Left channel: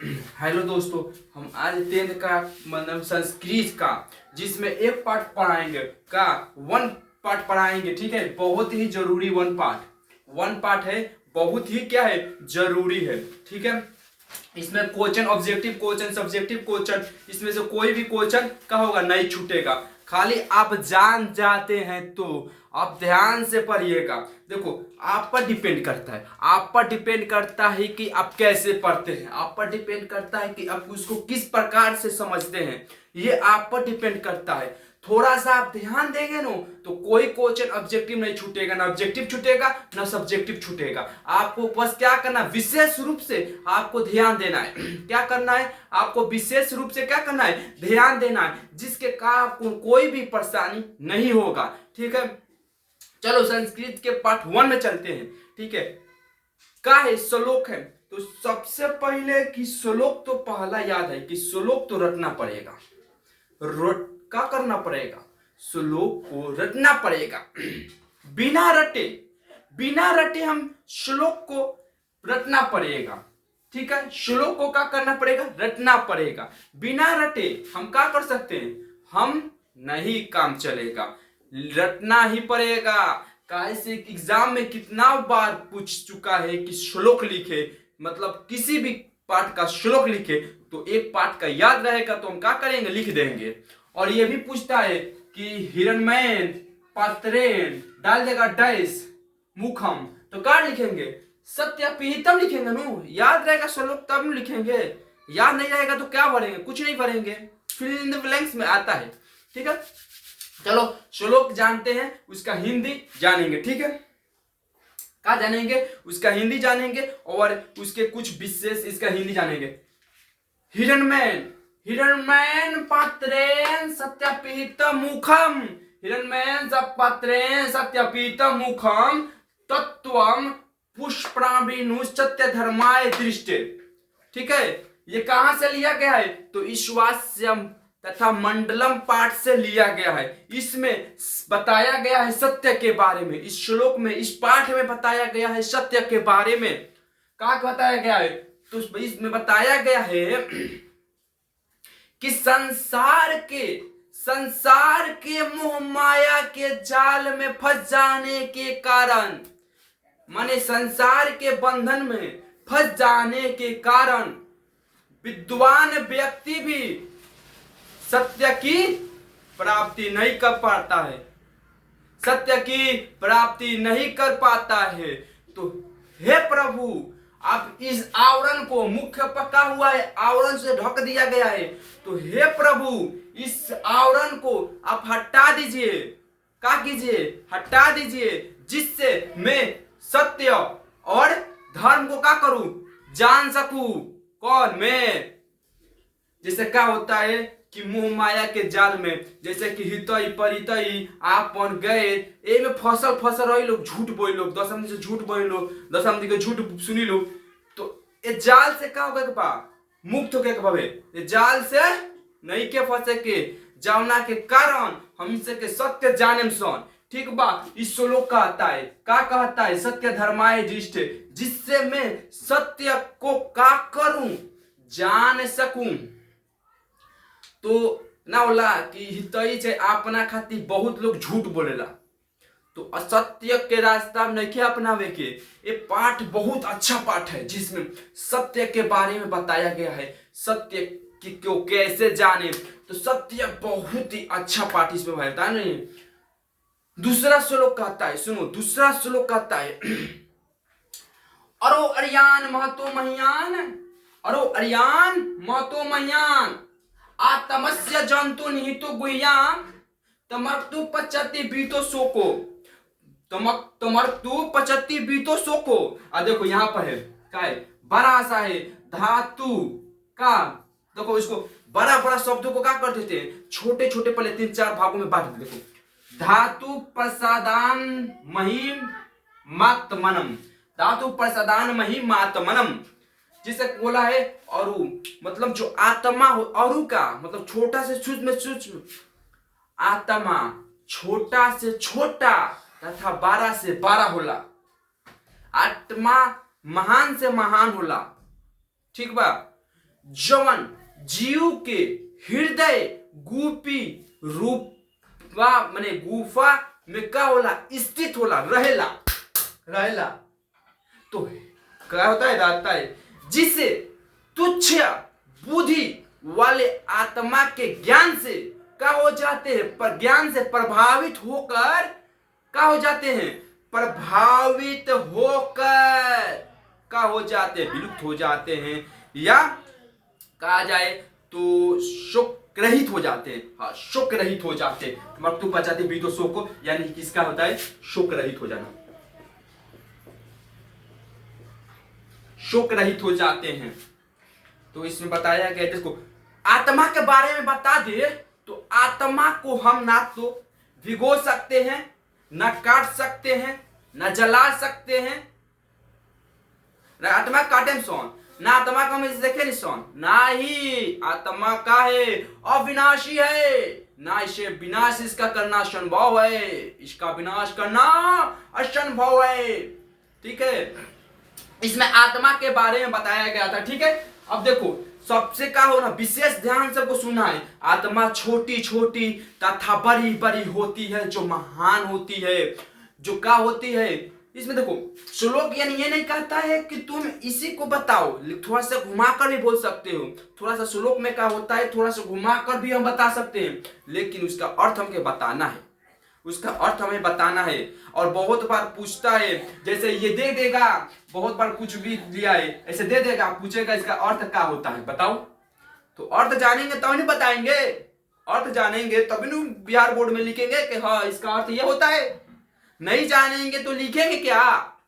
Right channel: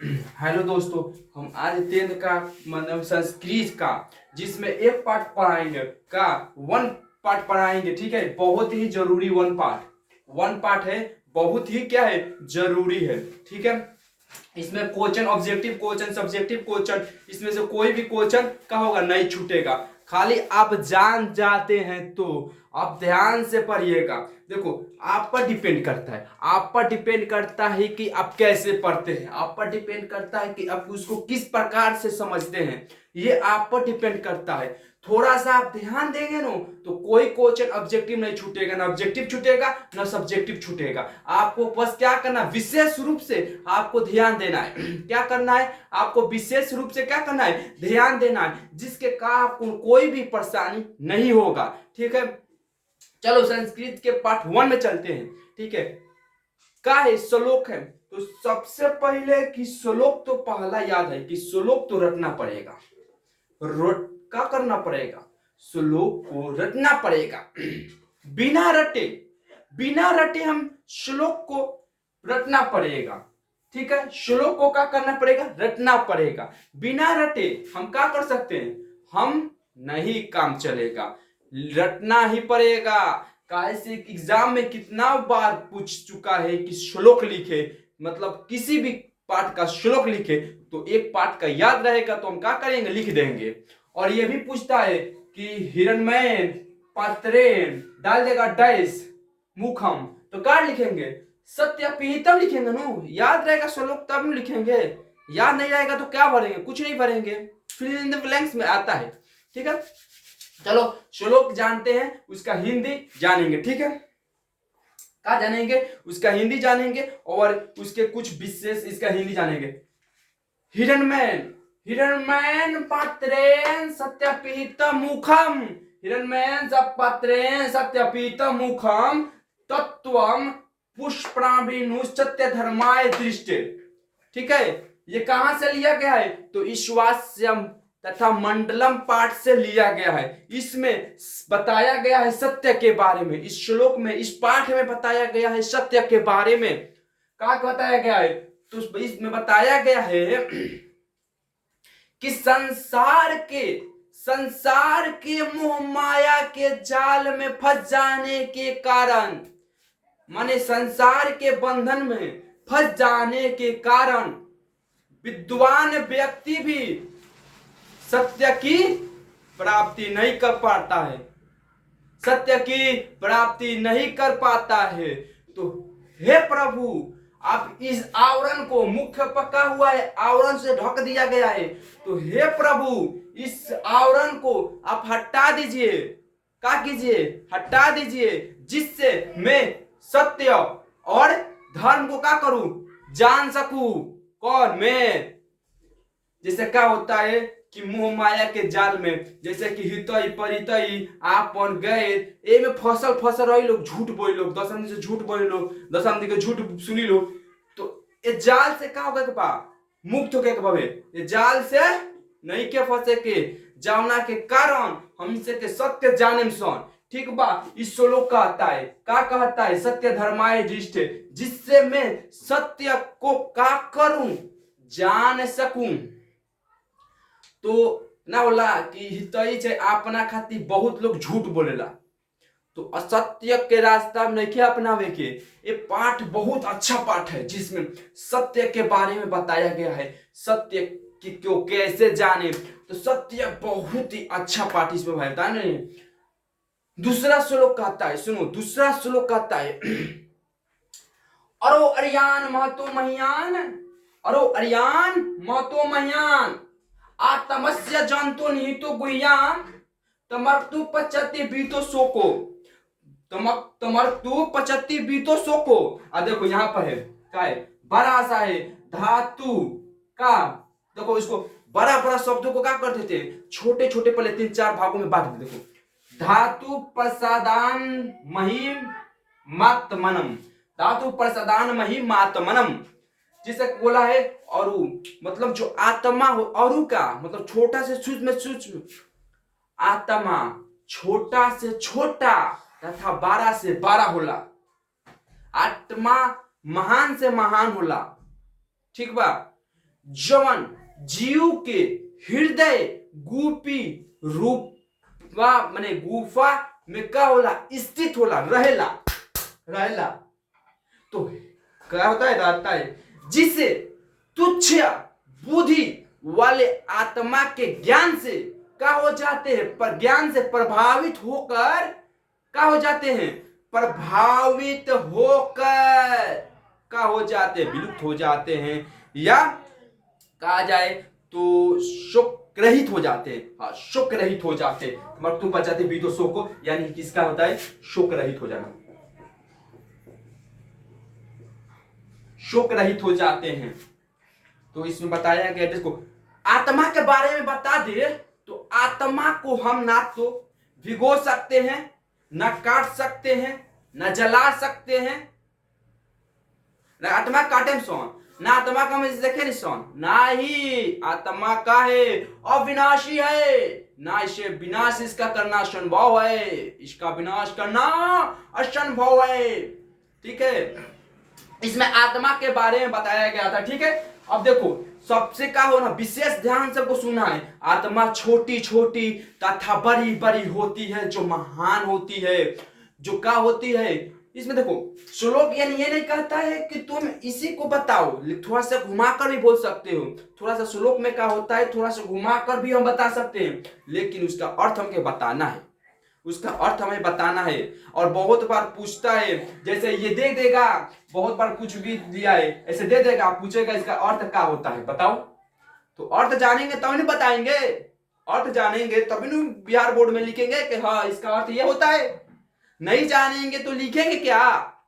Hello दोस्तों, हम आज 10th का मतलब संस्कृत का जिसमें एक पार्ट पढ़ाएंगे का वन पार्ट पढ़ाएंगे। ठीक है, बहुत ही जरूरी वन पार्ट है, बहुत ही क्या है जरूरी है। ठीक है, इसमें question objective question subjective question इसमें से कोई भी क्वेश्चन का होगा नहीं छूटेगा। खाली आप जान जाते हैं तो आप ध्यान से पढ़िएगा। देखो, आप पर डिपेंड करता है, आप पर डिपेंड करता है कि आप कैसे पढ़ते हैं, आप पर डिपेंड करता है कि आप उसको किस प्रकार से समझते हैं। ये आप पर डिपेंड करता है। थोड़ा सा आप ध्यान देंगे ना तो कोई क्वेश्चन ऑब्जेक्टिव नहीं छूटेगा, ना ऑब्जेक्टिव छूटेगा ना सब्जेक्टिव छूटेगा। आपको बस क्या करना, विशेष रूप से आपको ध्यान देना है। क्या करना है आपको, विशेष रूप से क्या करना है, ध्यान देना है, जिसके कारण आपको कोई भी परेशानी नहीं होगा। ठीक है, चलो संस्कृत के पार्ट 1 में चलते हैं। ठीक है, का है श्लोक है, तो सबसे पहले कि श्लोक तो पहला याद है कि श्लोक तो रटना पड़ेगा। क्या करना पड़ेगा, श्लोक को रटना पड़ेगा। बिना रटे बिना रटे हम श्लोक को रटना पड़ेगा। ठीक है, श्लोक को क्या करना पड़ेगा, रटना पड़ेगा। बिना रटे हम क्या कर सकते हैं, हम नहीं काम चलेगा, रटना ही पड़ेगा। कैसे एग्जाम में कितना बार पूछ चुका है कि श्लोक लिखे, मतलब किसी भी पाठ का श्लोक लिखे तो एक पाठ का याद रहेगा तो हम क्या करेंगे, लिख देंगे। और ये भी पूछता है कि हिरणमय पात्रेण डाल देगा डैश मुखम, तो क्या लिखेंगे, सत्यपिहितम लिखेंगे नो, याद रहेगा श्लोक तब लिखेंगे। याद नहीं रहेगा तो क्या भरेंगे, कुछ नहीं भरेंगे, फिल इन द ब्लैंक्स में आता है। ठीक है, चलो श्लोक जानते हैं, उसका हिंदी जानेंगे। ठीक है, क्या जानेंगे, उसका हिंदी जानेंगे और उसके कुछ विशेष इसका हिंदी जानेंगे। हिरणमय हिरणमयन पात्रेण सत्यपिहित मुखम, हिरणमयन पात्रेण सत्यपिहित मुखम तत्वम पुष्पणाभिनु सत्य धर्माय दृष्टि। ठीक है, ये कहां से लिया गया है, तो ईश्वास्यम तथा मंडलम पाठ से लिया गया है। इसमें बताया गया है सत्य के बारे में, इस श्लोक में इस पाठ में बताया गया है सत्य के बारे में। क्या बताया गया है, तो इसमें बताया गया है कि संसार के मोह माया के जाल में फंस जाने के कारण, माने संसार के बंधन में फंस जाने के कारण विद्वान व्यक्ति भी सत्य की प्राप्ति नहीं कर पाता है, सत्य की प्राप्ति नहीं कर पाता है। तो हे प्रभु, आप इस आवरण को, मुख्य पका हुआ है, आवरण से ढक दिया गया है, तो हे प्रभु इस आवरण को आप हटा दीजिए। क्या कीजिए, हटा दीजिए, जिससे मैं सत्य और धर्म को क्या करूं, जान सकूं। कौन, मैं। जैसे क्या होता है कि मोह माया के जाल में, जैसे कि हितई परितई आपन गए ए में फसल रही लोग, झूठ बोल लोग, दसम से झूठ बोल लोग, दसम के झूठ सुनी लोग, तो ये जाल से क्या होगा के मुक्त होके के भवे, ये जाल से नहीं के फंसे के जावना के कारण हम इसे के सत्य जाने सन। ठीक बा, इस श्लोक कहता है, क्या कहता है, सत्य धर्माय दृष्टि, जिससे मैं सत्य को क्या करूं, जान सकूं। तो ना बोला कि हितई से अपना खातिर बहुत लोग झूठ बोलेला, तो असत्य के रास्ता में नहीं अपनावे के। ये पाठ बहुत अच्छा पाठ है, जिसमें सत्य के बारे में बताया गया है, सत्य की क्यों कैसे जाने, तो सत्य बहुत ही अच्छा पाठ इसमें बताया नहीं। दूसरा श्लोक कहता है, सुनो दूसरा श्लोक कहता है, अरो अरियान महतो महियान, अरो अरियान महतो महियान आत्मस्य जंतु निहितो गुह्याम तमर्तु पचति बीतो शोको, तमर्तु पचति बीतो शोको। देखो यहाँ पर है क्या है, बड़ा सा है धातु का, देखो इसको बड़ा बड़ा शब्दों को क्या करते थे, छोटे छोटे पहले 3-4 भागों में बांट दे। देखो, धातु प्रसादान महिम मात्मनम, धातु प्रसादान महिम मात्मनम, जिसे बोला है अरु, मतलब जो आत्मा हो, अरु का मतलब छोटा से सूक्ष्म, आत्मा छोटा से छोटा तथा 12 से 12 होला, आत्मा महान से महान होला। ठीक बा, जवन जीव के हृदय गुफी रूपा माने गुफा में का होला स्थित होला रहेला रहेला। तो क्या होता है रहता है, जिसे तुच्छ बुद्धि वाले आत्मा के ज्ञान से क्या हो जाते हैं, पर ज्ञान से प्रभावित होकर क्या हो जाते हैं, प्रभावित होकर क्या हो जाते हैं, विलुप्त हो जाते हैं, या कहा जाए तो शोक रहित हो जाते हैं। हाँ, शोक रहित हो जाते हैं। मकतूब बचाते भी तो शोक को, यानी किसका होता है, शोक रहित हो जाना, शोक रहित हो जाते हैं। तो इसमें बताया गया, देखो आत्मा के बारे में बता दे तो आत्मा को हम ना तो भिगो सकते हैं, ना काट सकते हैं, ना जला सकते हैं, ना आत्मा काटे में सोन, ना आत्मा का हम देखे नहीं सोन, ना ही आत्मा का है अविनाशी है, ना इसे विनाश इसका करना असंभव है, इसका विनाश करना असंभव है। ठीक है, इसमें आत्मा के बारे में बताया गया था। ठीक है, अब देखो सबसे क्या हो ना, विशेष ध्यान से को सुनना है। आत्मा छोटी छोटी तथा बड़ी बड़ी होती है, जो महान होती है, जो क्या होती है। इसमें देखो श्लोक यानी ये नहीं कहता है कि तुम इसी को बताओ, थोड़ा सा घुमा कर भी बोल सकते हो। थोड़ा सा श्लोक में क्या होता है, थोड़ा सा घुमा कर भी हम बता सकते हैं, लेकिन उसका अर्थ हमके बताना है, उसका अर्थ हमें बताना है। और बहुत बार पूछता है, जैसे ये दे देगा, बहुत बार कुछ भी दिया है ऐसे दे देगा, पूछेगा इसका अर्थ क्या होता है बताओ। तो अर्थ जानेंगे तभी नहीं बताएंगे, अर्थ जानेंगे तभी नहीं बिहार बोर्ड में लिखेंगे कि हाँ इसका अर्थ ये होता है। नहीं जानेंगे तो लिखेंगे क्या,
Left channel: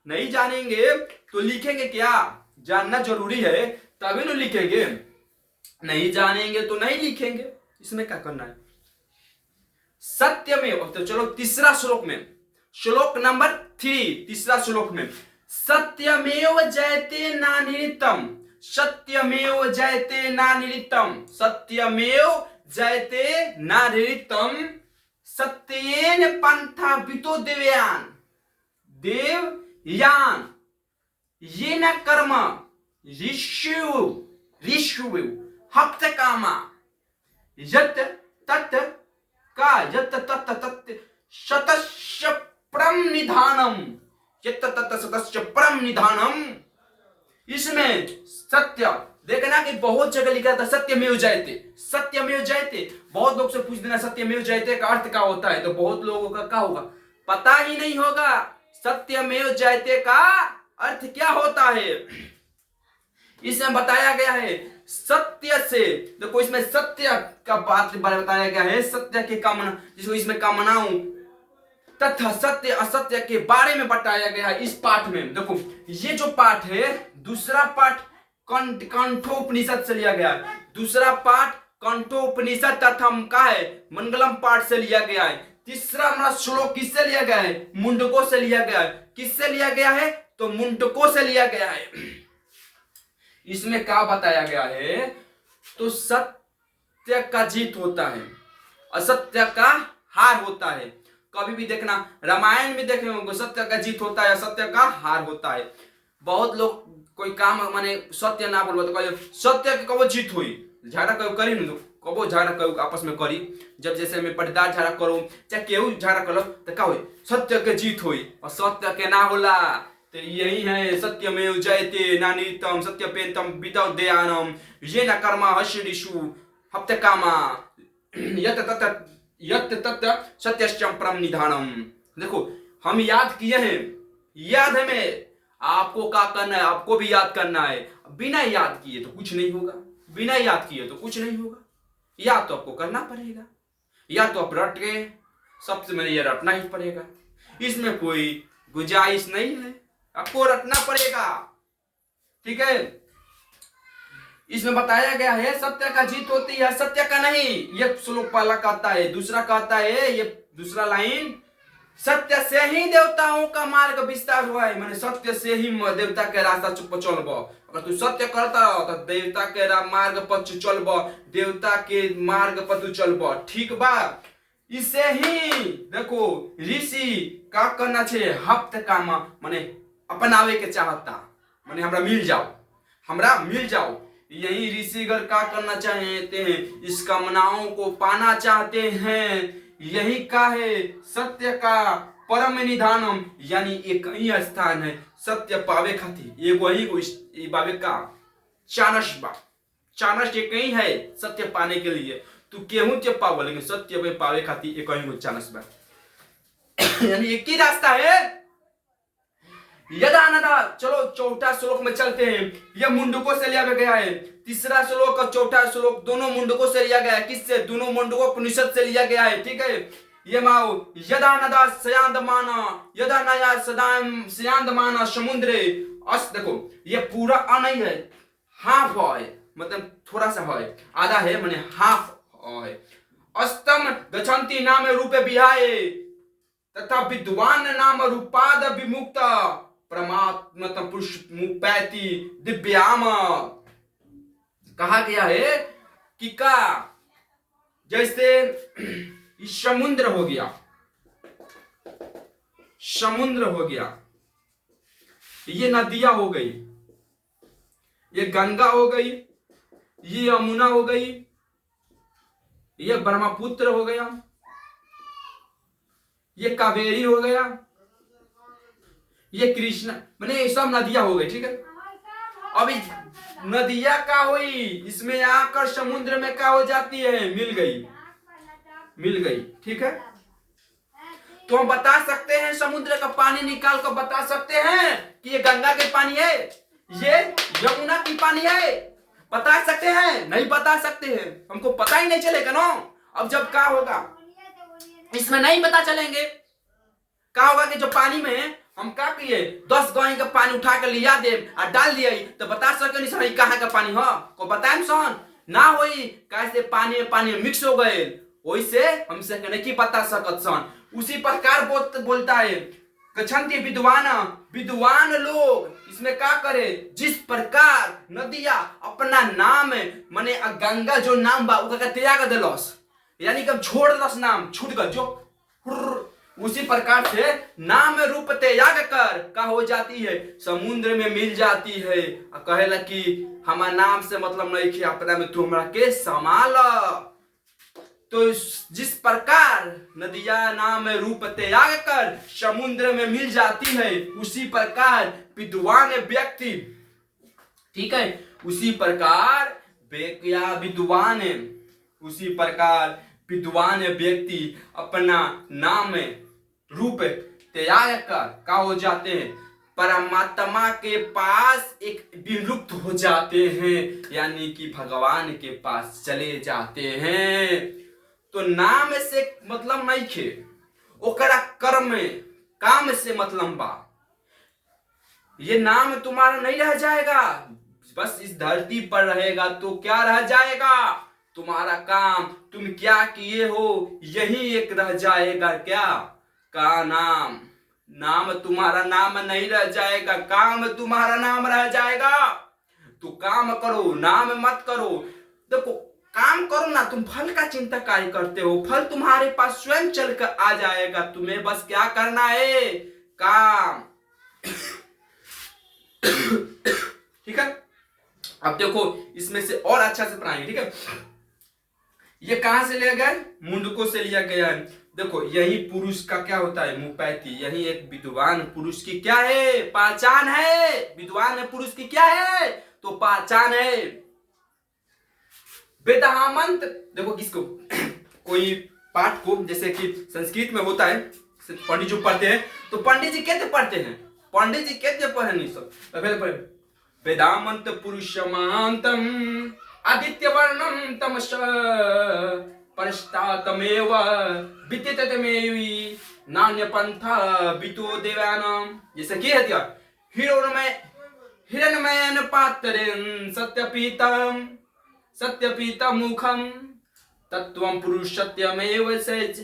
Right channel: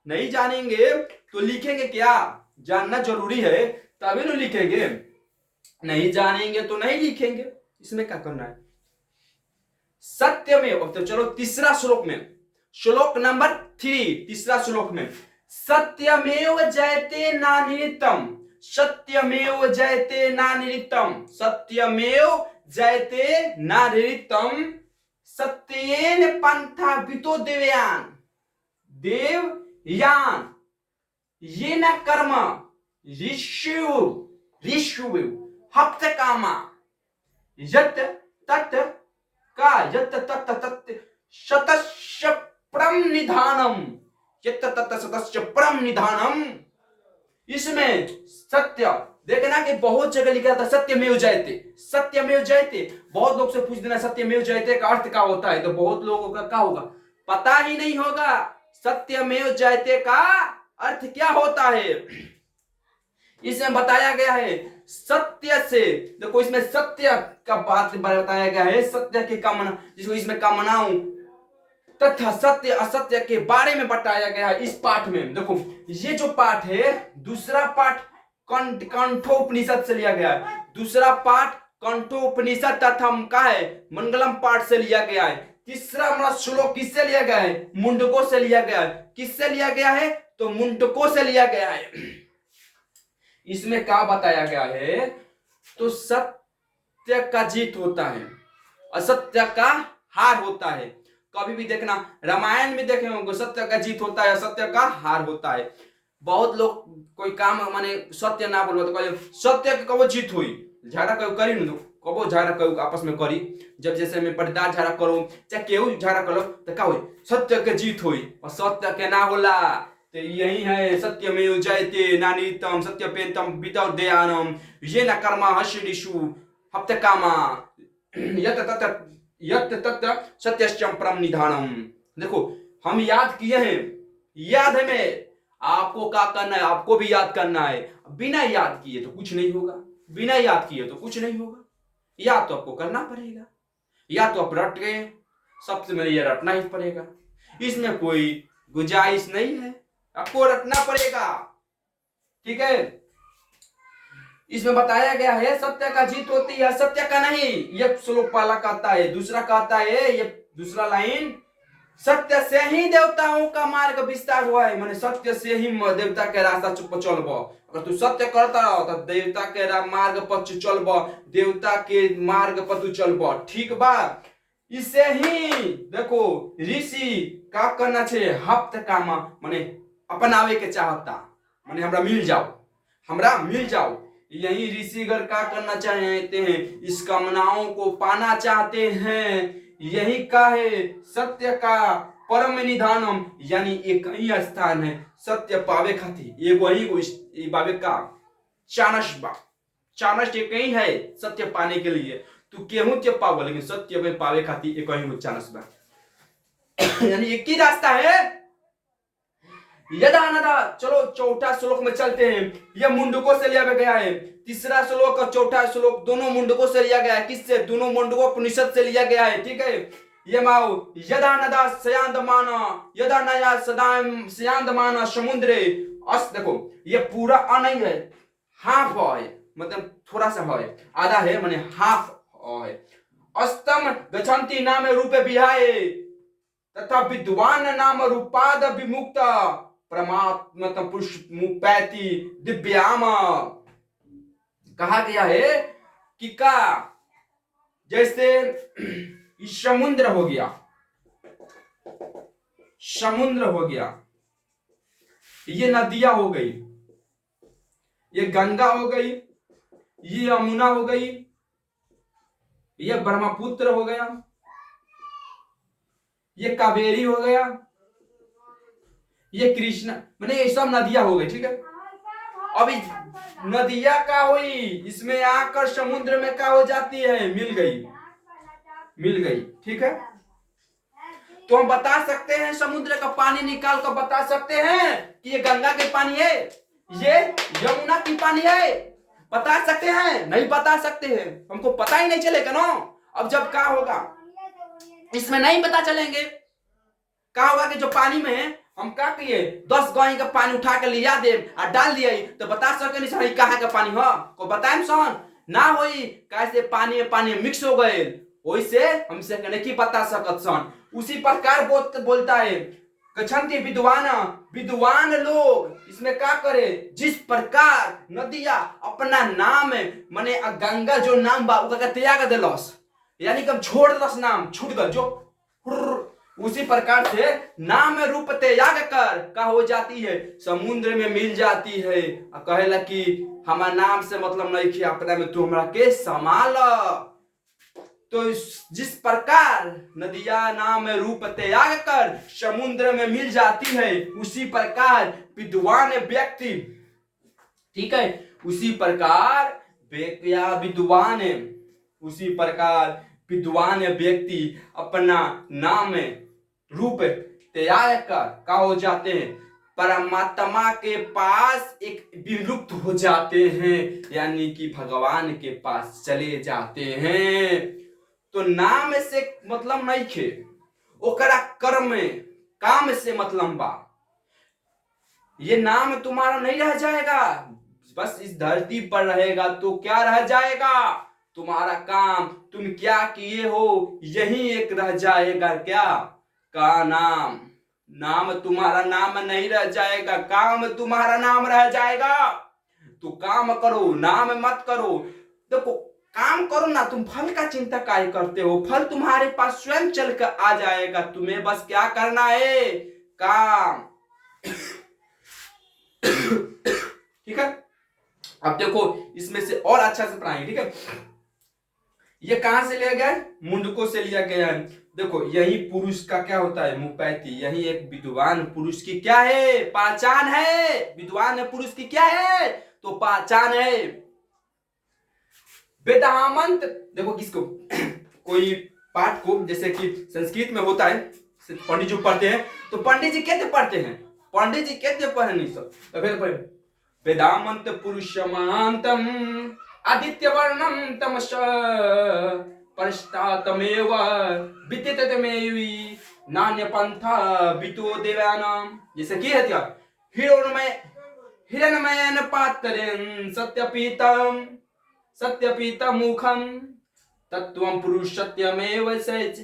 नहीं जानेंगे तो लिखेंगे क्या, जानना जरूरी है तभी नहीं लिखेंगे, नहीं जानेंगे तो नहीं लिखेंगे। इसमें क्या करना है, सत्यमेव। तो चलो तीसरा श्लोक में, श्लोक नंबर 3, तीसरा श्लोक में, सत्यमेव जयते नानिरितम, सत्यमेव जयते नानिरितम, सत्यमेव जयते नानिरितम, सत्येन पंथा वितो देवयान देवयान ये न कर्म ऋषु ऋषु हप्त कामा यत तत् का यत तत् तत् शतस्य परम निधानम, यत तत् शतस्य परम निधानम। इसमें सत्य देखना कि बहुत जगह लिखा था सत्यमेव जयते, सत्यमेव जयते। बहुत लोग से पूछ देना सत्यमेव जयते का अर्थ क्या होता है, तो बहुत लोगों का क्या होगा, पता ही नहीं होगा सत्यमेव जयते का अर्थ क्या होता है। इसमें बताया गया है सत्य से, देखो इसमें सत्य का बात बताया गया है, सत्य की कामना, जिसको इसमें कामनाओं तथा सत्य असत्य के बारे में बताया गया है इस पाठ में। देखो ये जो पाठ है, दूसरा पाठ कंठोपनिषद से लिया गया है, दूसरा पाठ कंठोपनिषद तथा का है मंगलम पाठ से लिया गया है। तीसरा हमारा श्लोक किससे लिया गया है, मुंडकों से लिया गया है। किससे लिया गया है, तो मुंडकों से लिया गया है। इसमें क्या बताया गया है, तो सत्य का जीत होता है, असत्य का हार होता है। कभी भी देखना रामायण में देखे होंगे, सत्य का जीत होता है, असत्य का हार होता है। बहुत लोग कोई काम माने सत्य ना बोलो तो कहो सत्य की कबो जीत हुई, झगड़ा कहो करी न कबो झगड़ा कहो आपस में करी, जब जैसे में पटदार झगड़ा करो चाहे केहू झगड़ा करो तो क्या हुई, सत्य के जीत हुई, और सत्य के ना होला। तो यही है सत्यमेव जयते नानितम सत्यपेतम वितौ दयानम ये न कर्मा हर्षिषु हप्त कामा यत तत् सत्यश्चम परम निधानम। देखो हम याद किए हैं, याद है में आपको क्या करना है, आपको भी याद करना है। बिना याद किए तो कुछ नहीं होगा, बिना याद किए तो कुछ नहीं होगा, याद तो आपको करना पड़ेगा, या तो आप रट गए, सबसे पहले ये रटना ही पड़ेगा, इसमें कोई गुंजाइश नहीं है, आपको रटना पड़ेगा। ठीक है, इसमें बताया गया है सत्य का जीत होती है, सत्य का नहीं। ये श्लोक पहला कहता है, दूसरा कहता है, ये दूसरा लाइन, सत्य से ही देवताओं का मार्ग विस्तार हुआ है, माने सत्य से ही देवता के रास्ता पर चलबो। अगर तू सत्य करता रहो तो देवता के मार्ग पर चलबो, देवता के मार्ग पर तू चलबो, ठीक बा। इसे ही देखो ऋषि का करना चाहिए, हफ्त कामा माने अपनावे के चाहता, माने हमरा मिल जाओ, हमरा मिल जाओ, यही ऋषिगण क्या करना चाहते हैं, इस कामनाओं को पाना चाहते हैं। यही का है सत्य का परम निधानम, यानी एक ही स्थान है सत्य पावे खातिर, एगो ही पावे का चानस बा। चानस एक ही है सत्य पाने के लिए, तू केहू के पावो लेकिन सत्य में पावे खातिर एक ही चानस बा। यानी एक ही रास्ता है। यदा नदा, चलो चौथा श्लोक में चलते हैं। यह मुंडकों से लिया गया है। तीसरा श्लोक और चौथा श्लोक दोनों मुंडकों से लिया गया है। किससे? दोनों मुंडकों उपनिषद से लिया गया है। ठीक है, ये माओ यदा नदा सयांदमाना, यदा नया सदा सयांदमाना समुद्रे। अस देखो ये पूरा अ नहीं है, हाफ है, मतलब थोड़ा सा है, आधा है, माने हाफ है। अस्तम गच्छन्ति नाम रूपे विहाय तथा विद्वान नाम रूपाद विमुक्त परमात्म पुरुष मुपैति दिव्याम। कहा गया है कि का जैसे समुद्र हो गया, समुद्र हो गया, ये नदियां हो गई, ये गंगा हो गई, ये यमुना हो गई, ये ब्रह्मपुत्र हो गया, ये कावेरी हो गया, ये कृष्णा, मैंने ये सब नदियां हो गई। ठीक है, अभी नदियां का हुई, इसमें आकर समुद्र में क्या हो जाती है, मिल गई, मिल गई। ठीक है, तो हम बता सकते हैं, समुद्र का पानी निकाल कर बता सकते हैं कि ये गंगा के पानी है, ये यमुना की पानी है, बता सकते हैं? नहीं बता सकते हैं, हमको पता ही नहीं चलेगा ना। अब जब क्या होगा, इसमें नहीं पता चलेंगे, क्या होगा कि जो पानी में हम क्या किए, 10 गाय का पानी उठा कर लिया दे और डाल दिया तो बता सके नहीं सर कहाँ का पानी हो, को बताए सन ना होई, कैसे पानी में मिक्स हो गए, वैसे हमसे नहीं बता सकत सन। उसी प्रकार बोलता है गच्छन्ति विद्वान, विद्वान लोग इसमें क्या करे, जिस प्रकार नदिया अपना नाम माने गंगा जो नाम बा उसका त्याग दिलस, यानी कि छोड़ दस, नाम छूट गल जो, उसी प्रकार से नाम रूप त्याग कर का हो जाती है, समुद्र में मिल जाती है। कहेला कि हमारा नाम से मतलब नहीं कि अपना में तू हमरा के संभाल। तो जिस प्रकार नदिया नाम रूप त्याग कर समुद्र में मिल जाती है, उसी प्रकार विद्वान व्यक्ति, ठीक है, उसी प्रकार विद्वान, उसी प्रकार विद्वान व्यक्ति अपना नाम रूप त्याग कर का हो जाते हैं, परमात्मा के पास एक विलुप्त हो जाते हैं, यानी कि भगवान के पास चले जाते हैं। तो नाम से मतलब नहीं खे, ओकरा कर्म काम से मतलब बा। ये नाम तुम्हारा नहीं रह जाएगा, बस इस धरती पर रहेगा तो क्या रह जाएगा, तुम्हारा काम, तुम क्या किए हो यही एक रह जाएगा। क्या का नाम, नाम तुम्हारा नाम नहीं रह जाएगा, काम तुम्हारा नाम रह जाएगा। तो काम करो, नाम मत करो। देखो काम करो ना, तुम फल का चिंता काहे करते हो, फल तुम्हारे पास स्वयं चल कर आ जाएगा, तुम्हें बस क्या करना है, काम। ठीक है, अब देखो इसमें से और अच्छा से पढ़ाएंगे। ठीक है, ये कहां से लिया गया है, मुंडकों से लिया गया है। देखो यही पुरुष का क्या होता है, मुपैति, यही एक विद्वान पुरुष की क्या है, पहचान है। विद्वान पुरुष की क्या है, तो पहचान है। वेदामंत, देखो किसको कोई पाठ को, जैसे कि संस्कृत में होता है, पंडित जी पढ़ते हैं, तो पंडित जी कहते पढ़ते हैं, पंडित जी कहते पढ़े नहीं सब, तो फिर वेदामंत पुरुषमांतम आदित्य वर्णम तमस परस्तातमेव विदिततमेवि नान्य पंथा वितो देवानाम। जैसे की है क्या, हिरण्मयन पात्रेन सत्यपीतम मुखम तत्वम पुरुष सत्यमेव सच।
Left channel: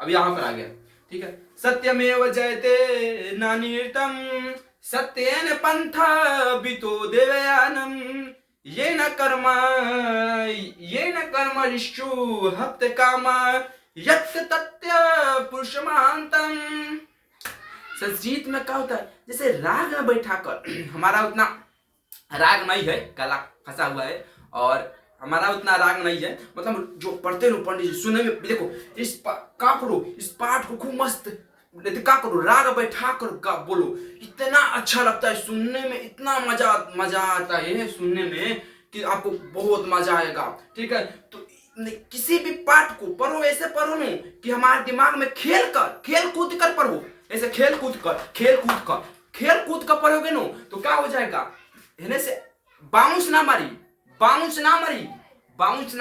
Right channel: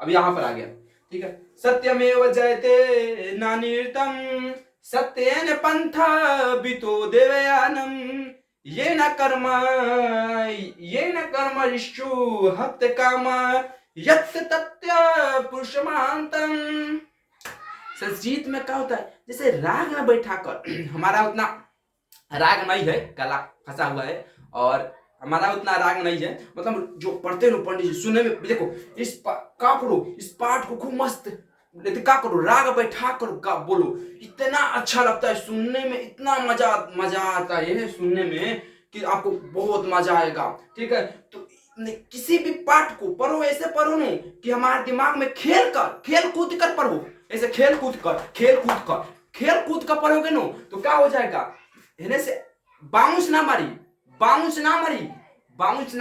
अब यहां पर आ गया, ठीक है, सत्यमेव जयते नानिर्तम सत्येन पंथा वितो देवयानम ये न कर्म ऋषु हप्त काम यत् तत्य पुरुषमांतम। संस्कृत में क्या होता है, जैसे राग में बैठा कर हमारा उतना राग नहीं है, गला फंसा हुआ है और हमारा उतना राग नहीं है। मतलब जो पढ़ते हो पंडित जी सुनने में देखो, का करो इस पाठ को खूब मस्त, का करो राग बैठा कर का बोलो, इतना अच्छा लगता है सुनने में, इतना मजा मजा आता है सुनने में कि आपको बहुत मजा आएगा। ठीक है, तो किसी भी पाठ को पढ़ो ऐसे पढ़ो ना कि हमारे दिमाग में खेल कूद कर पढ़ो, ऐसे खेल कूद कर पढ़ोगे ना तो क्या हो जाएगा, हेने से बाउंस ना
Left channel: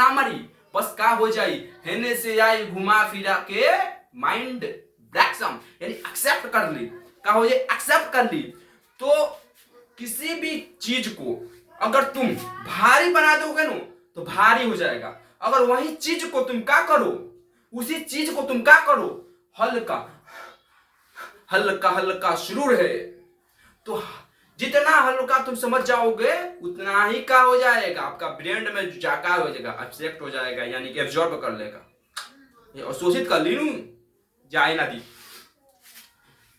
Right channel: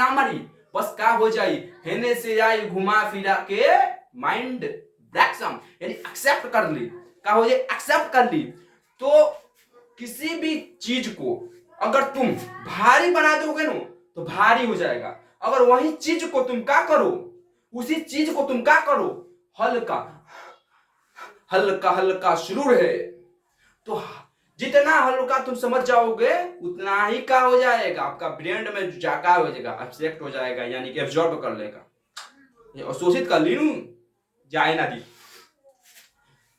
मारी, बस का हो जाई हेने से आई घुमा फिरा के माइंड ब्लैक्सम यानी एक्सेप्ट कर ली, का हो जाए एक्सेप्ट कर ली। तो किसी भी चीज को अगर तुम भारी बना दोगे ना तो भारी हो जाएगा, अगर वही चीज को तुम क्या करो, उसी चीज को तुम क्या करो हल्का हल्का हल्का शुरू है, तो जितना हल्का तुम समझ जाओगे उतना ही का हो जाएगा, आपका ब्रेन में जाकर हो जाएगा, एब्स्ट्रैक्ट हो जाएगा यानी कि एब्जॉर्ब कर लेगा, ये अवशोषित कर ली नू जाए ना दी।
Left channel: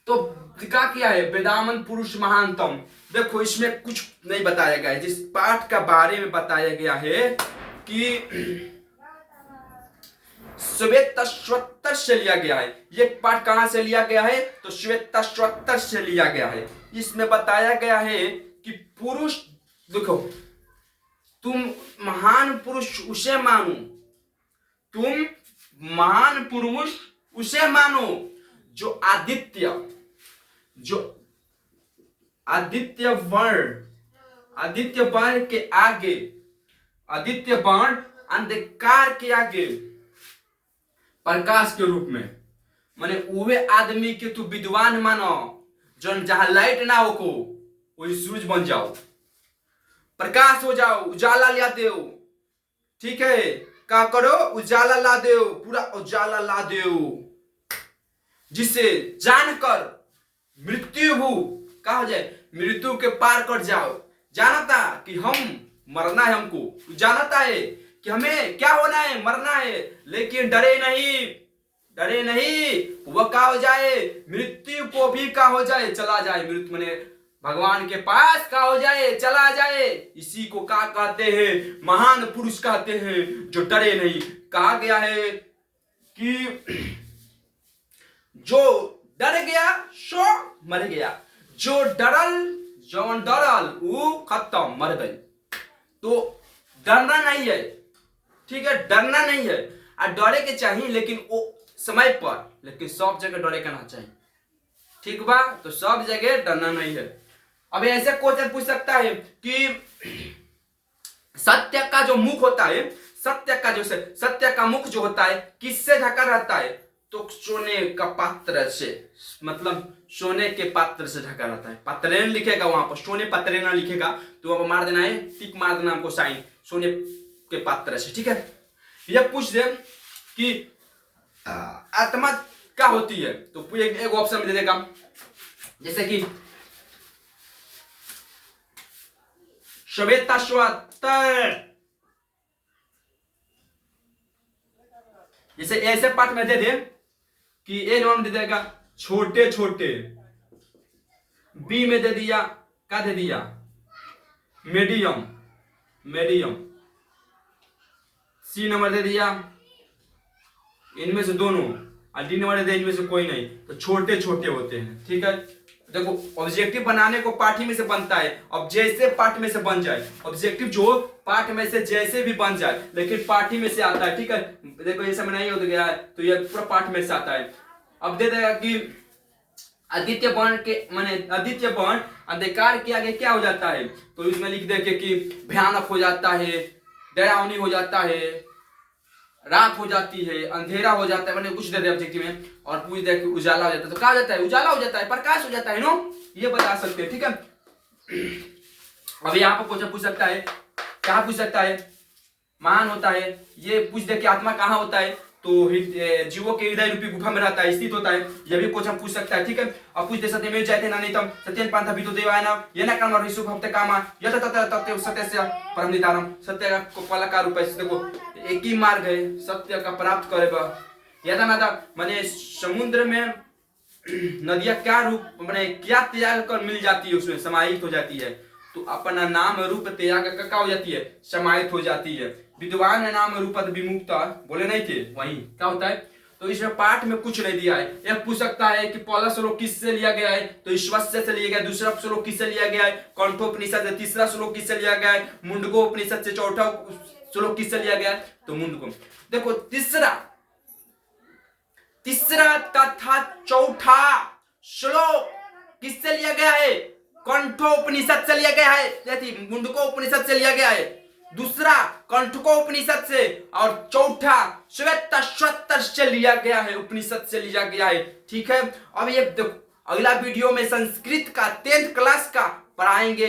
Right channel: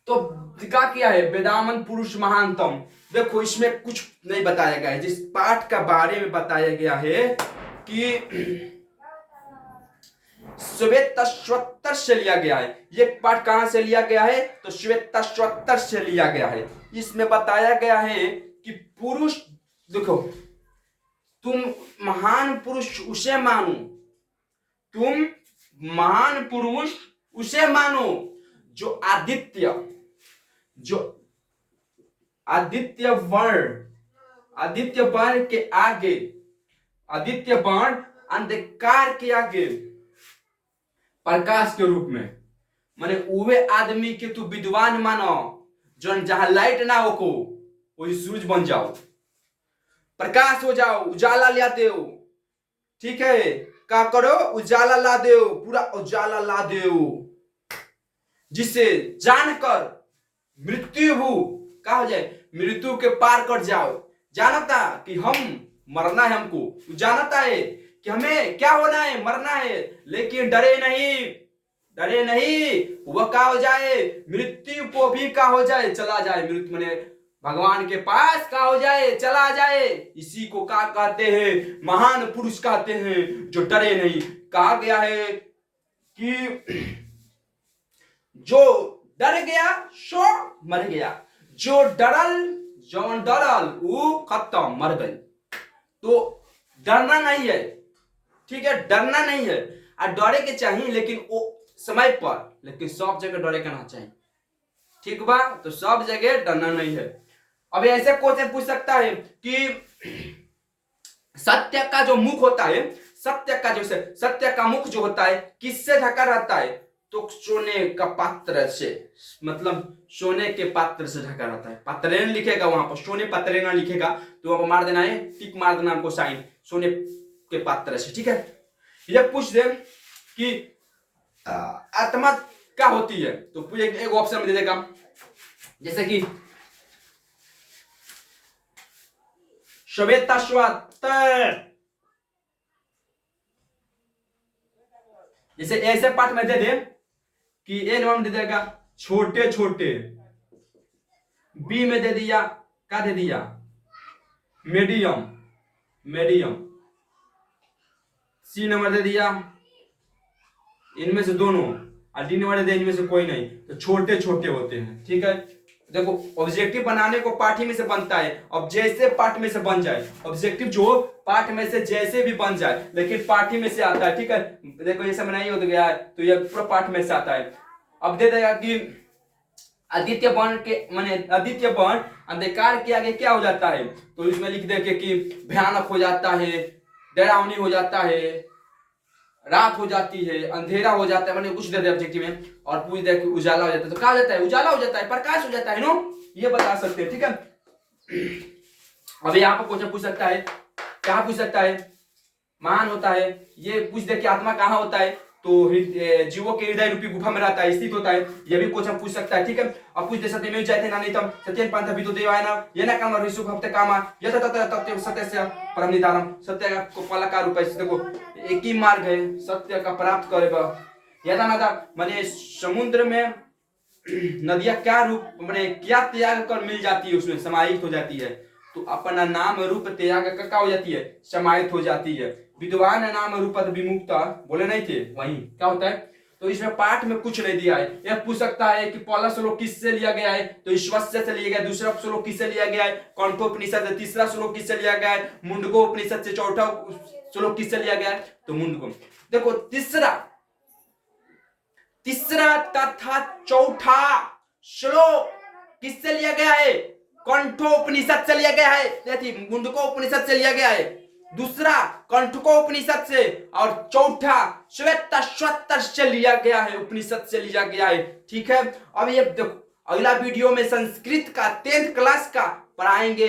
तो क्या किया है वेदामन पुरुष महानतम, देखो इसमें कुछ नहीं बताया गया है, जिस पाठ का बारे में बताया गया है कि श्वेतश्वत्तर से लिया गया है। ये पाठ कहां से लिया गया है तो श्वेतश्वत्तर से लिया गया है। इसमें बताया गया है कि पुरुष, देखो तुम महान पुरुष उसे मानो, तुम महान पुरुष उसे मानो जो आदित्य वर्ण के आगे, आदित्य वर्ण अंधकार के आगे प्रकाश के रूप में, माने उवे आदमी के तू विद्वान मानो जो जहां लाइट ना हो को वही सूरज बन जाओ, प्रकाश हो जाओ, उजाला ला दो। ठीक है, क्या करो उजाला ला दो, पूरा उजाला ला दो, जिसे जानकर मृत्यु हो क्या हो जाए, मृत्यु के पार कर जाओ। जानता कि हम मरना है, हमको जानता है कि हमें क्या होना है, मरना है, लेकिन डरे नहीं, वह क्या हो जाए मृत्यु को भी क्या हो जाए चला जाए, मृत्यु माने भगवान के पास क्या हो जाए चला जाए। इसी को क्या कहते हैं, महान पुरुष कहते हैं जो डरे नहीं। कहा गया है कि जो डर गया सो मर गया, जो डरल वो खत्म मर गई। तो डरना नहीं है, ठीक है, डरना नहीं है, और डरे के चाहिए लेकिन वो समय पर, लेकिन सब जगह डरे के ना चाहिए। ठीक बा, तो सब जगह डरना नहीं है। अब ऐसे क्वेश्चन पूछ सकता है कि सत्य का जो मुख होता है, सत्य का मुख जो होता है किससे ढका रहता है, तो सोने का पात्र से, मतलब सोने के पात्र से ढका रहता है। पत्रेन लिखेगा वहां पर, सोने पत्रेना लिखेगा तो वहां पर मार देना है, टिक मार देना हमको साइन, सोने के पात्र से। ठीक है, ये पूछ दे कि आत्मा क्या होती है, तो एक ऑप्शन में दे देगा, जैसे कि श्वेतश्वत्तर, जैसे ऐसे पाठ में दे दे कि ए नंबर दे देगा छोटे छोटे, बी में दे दिया क्या दे दिया मीडियम, सी नंबर दे दिया इनमें से दोनों, और डी नंबर दे दिया इनमें से कोई नहीं, तो छोटे छोटे होते हैं। ठीक है, देखो ऑब्जेक्टिव बनाने को पाठ में से बनता है, अब जैसे पाठ में से बन जाए, ऑब्जेक्टिव जो पाठ में से जैसे भी बन जाए लेकिन पाठ में से आता है। ठीक है, देखो ये सब नहीं हो गया है तो ये पूरा पाठ में से आता है। अब दे देगा कि आदित्य वर्ण के माने आदित्य वर्ण अंधकार के आगे क्या हो जाता है, तो इसमें लिख दे कि भयानक हो जाता है, डरावनी हो जाता है, रात हो जाती है, अंधेरा हो जाता है, मैंने कुछ दे दिया ऑब्जेक्टिव में, और पूछ दे कि उजाला हो जाता है, तो क्या हो जाता है उजाला हो जाता है, प्रकाश हो जाता है नो, ये बता सकते हैं। ठीक है, अब यहाँ पर क्वेश्चन पूछ सकता है, क्या पूछ सकता है, महान होता है, ये पूछ दे कि आत्मा कहाँ होता है, तो जीवों के हृदय रूपी गुफा में रहता है, स्थित होता है, यह भी क्वेश्चन पूछ सकता है। ठीक है, अब पूछ दे सत्यमेव जयते नानितम सत्येन पांथा विदो देवायना येन कर्म ऋषु भक्ते कामा यत तत तत्व सत्यस्य परम निधानम, सत्य को फल का रूप है। देखो एक ही मार्ग है सत्य का प्राप्त करेगा। यदा नदा माने समुद्र में नदियां क्या रूप माने क्या त्याग कर मिल जाती है, उसमें समाहित हो जाती है, तो अपना नाम रूप त्याग का क्या हो जाती है, समाहित हो जाती है। विद्वान नाम रूपत विमुक्ता बोले नहीं थे, वही क्या होता है। तो इसमें पाठ में कुछ नहीं दिया है। यह पूछ सकता है कि पहला श्लोक किससे लिया गया है, तो ईश्वस्य से लिया गया। दूसरा श्लोक किससे लिया गया है, कंठोपनिषद से। तीसरा श्लोक किससे लिया गया है, मुंडकोपनिषद से। चौथा श्लोक किससे लिया गया है, तो मुंडको। देखो तीसरा तथा चौथा श्लोक किससे लिया गया है, कंठोपनिषद से लिया गया है, मुंडकोपनिषद से लिया गया है। दूसरा कंठकोपनिषद से, और चौथा श्वेतश्वतर से लिया गया है, उपनिषद से लिया गया है। ठीक है, अब ये देखो अगला वीडियो में संस्कृत का 10th क्लास का पढ़ाएंगे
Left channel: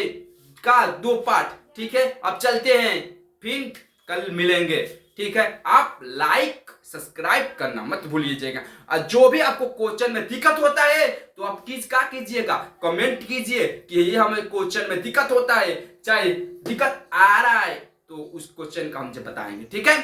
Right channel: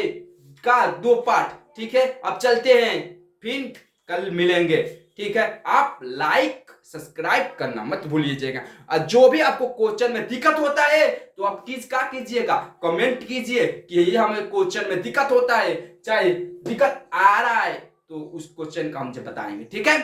का 2 पार्ट। ठीक है, अब चलते हैं, फिर कल मिलेंगे। ठीक है, आप लाइक सब्सक्राइब करना मत भूलिएगा। और जो भी आपको क्वेश्चन में दिक्कत होता है तो आप क्या कीजिएगा, कमेंट कीजिए कि ये हमें क्वेश्चन में दिक्कत होता है, चाहे दिक्कत आ रहा है तो उस क्वेश्चन का हम बताएंगे। ठीक है।